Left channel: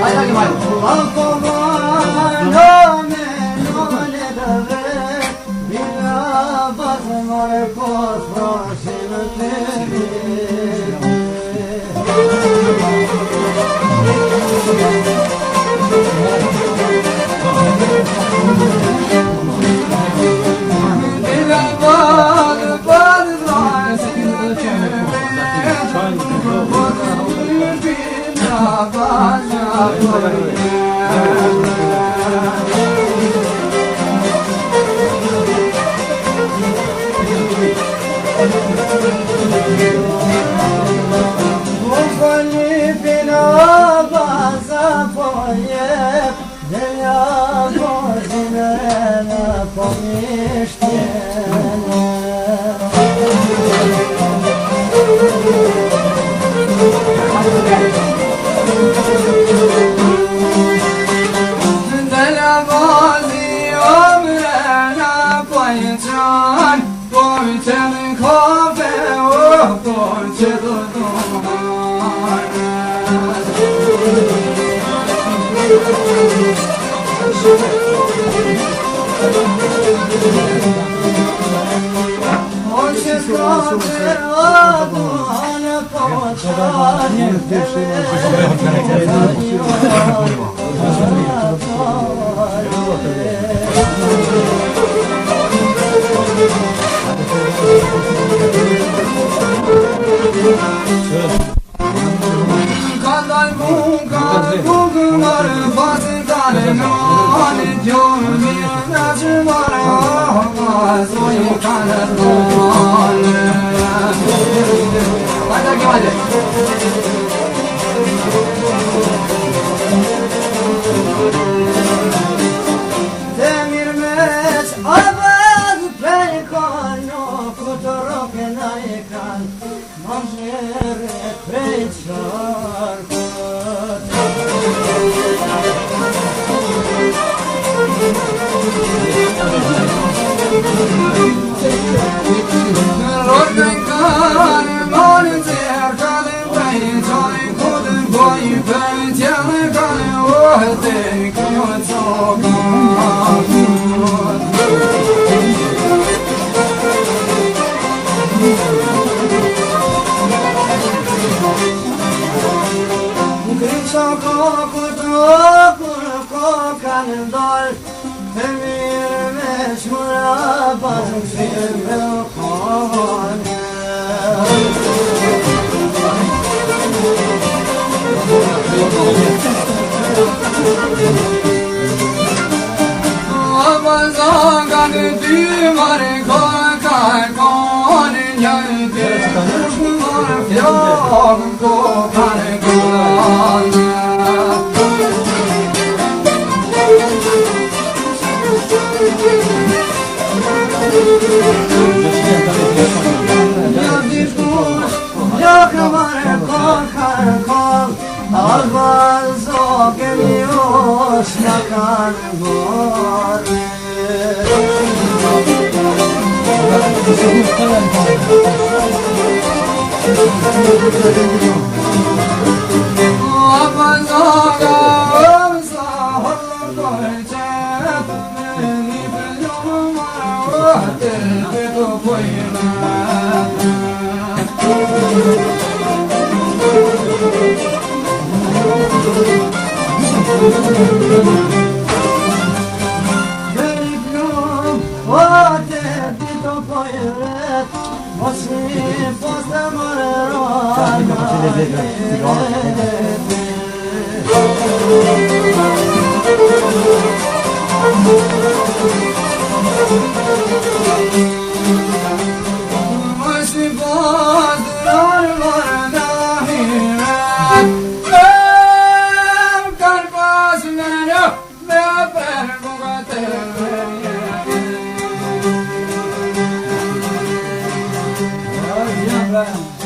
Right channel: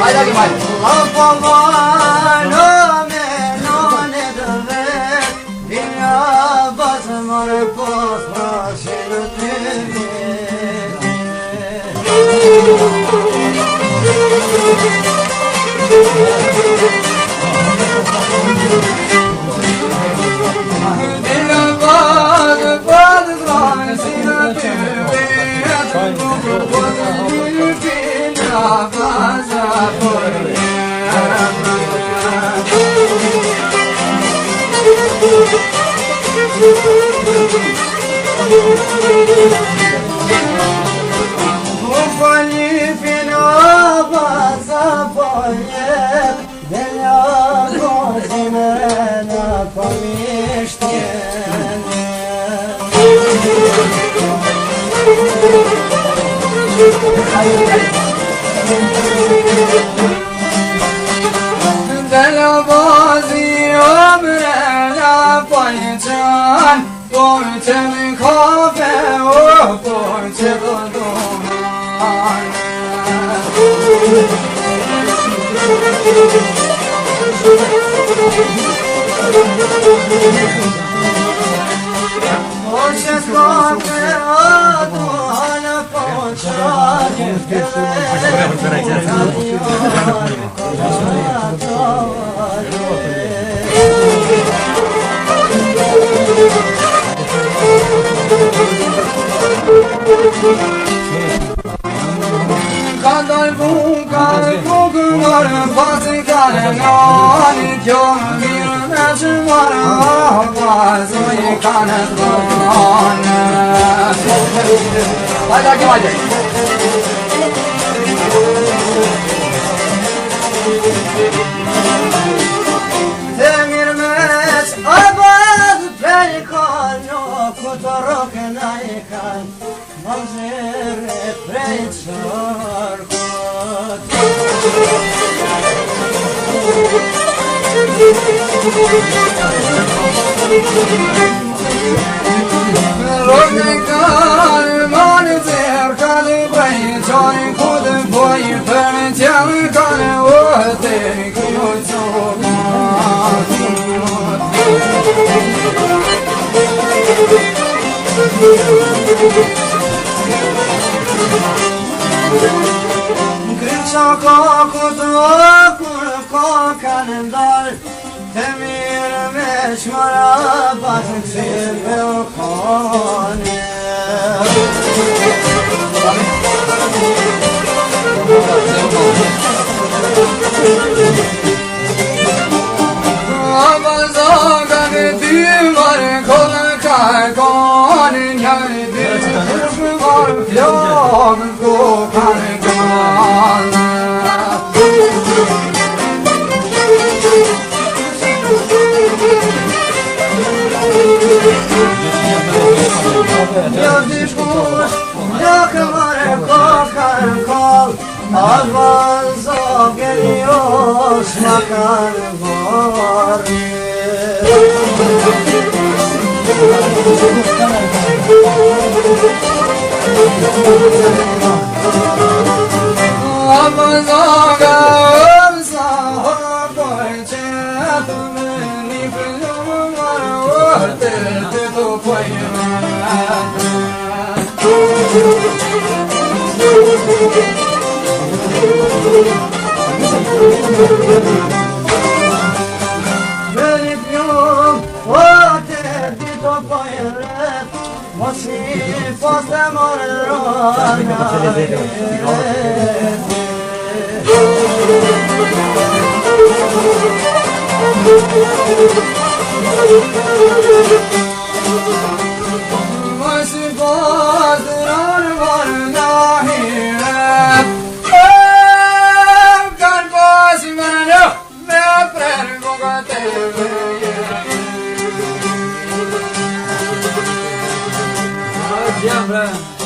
Haydi gel. Allah baba ne deve dünya basmar pasmasını Demirmez abad pelikan kutorok naikan manzere pretsar kot Rodekan manzer kale bay joy kod boy per jang kale ote kyo kalendar temir meşmara bazık silbel kone abazagan dümar kokar kone yaydır kuşmar fiyag kokar kone Avanzo geliyor makar var Avanzo geliyor sahur boyunca beni biliyorlar Tete topayım Veripyum o tete topayım Masif pastamor Bra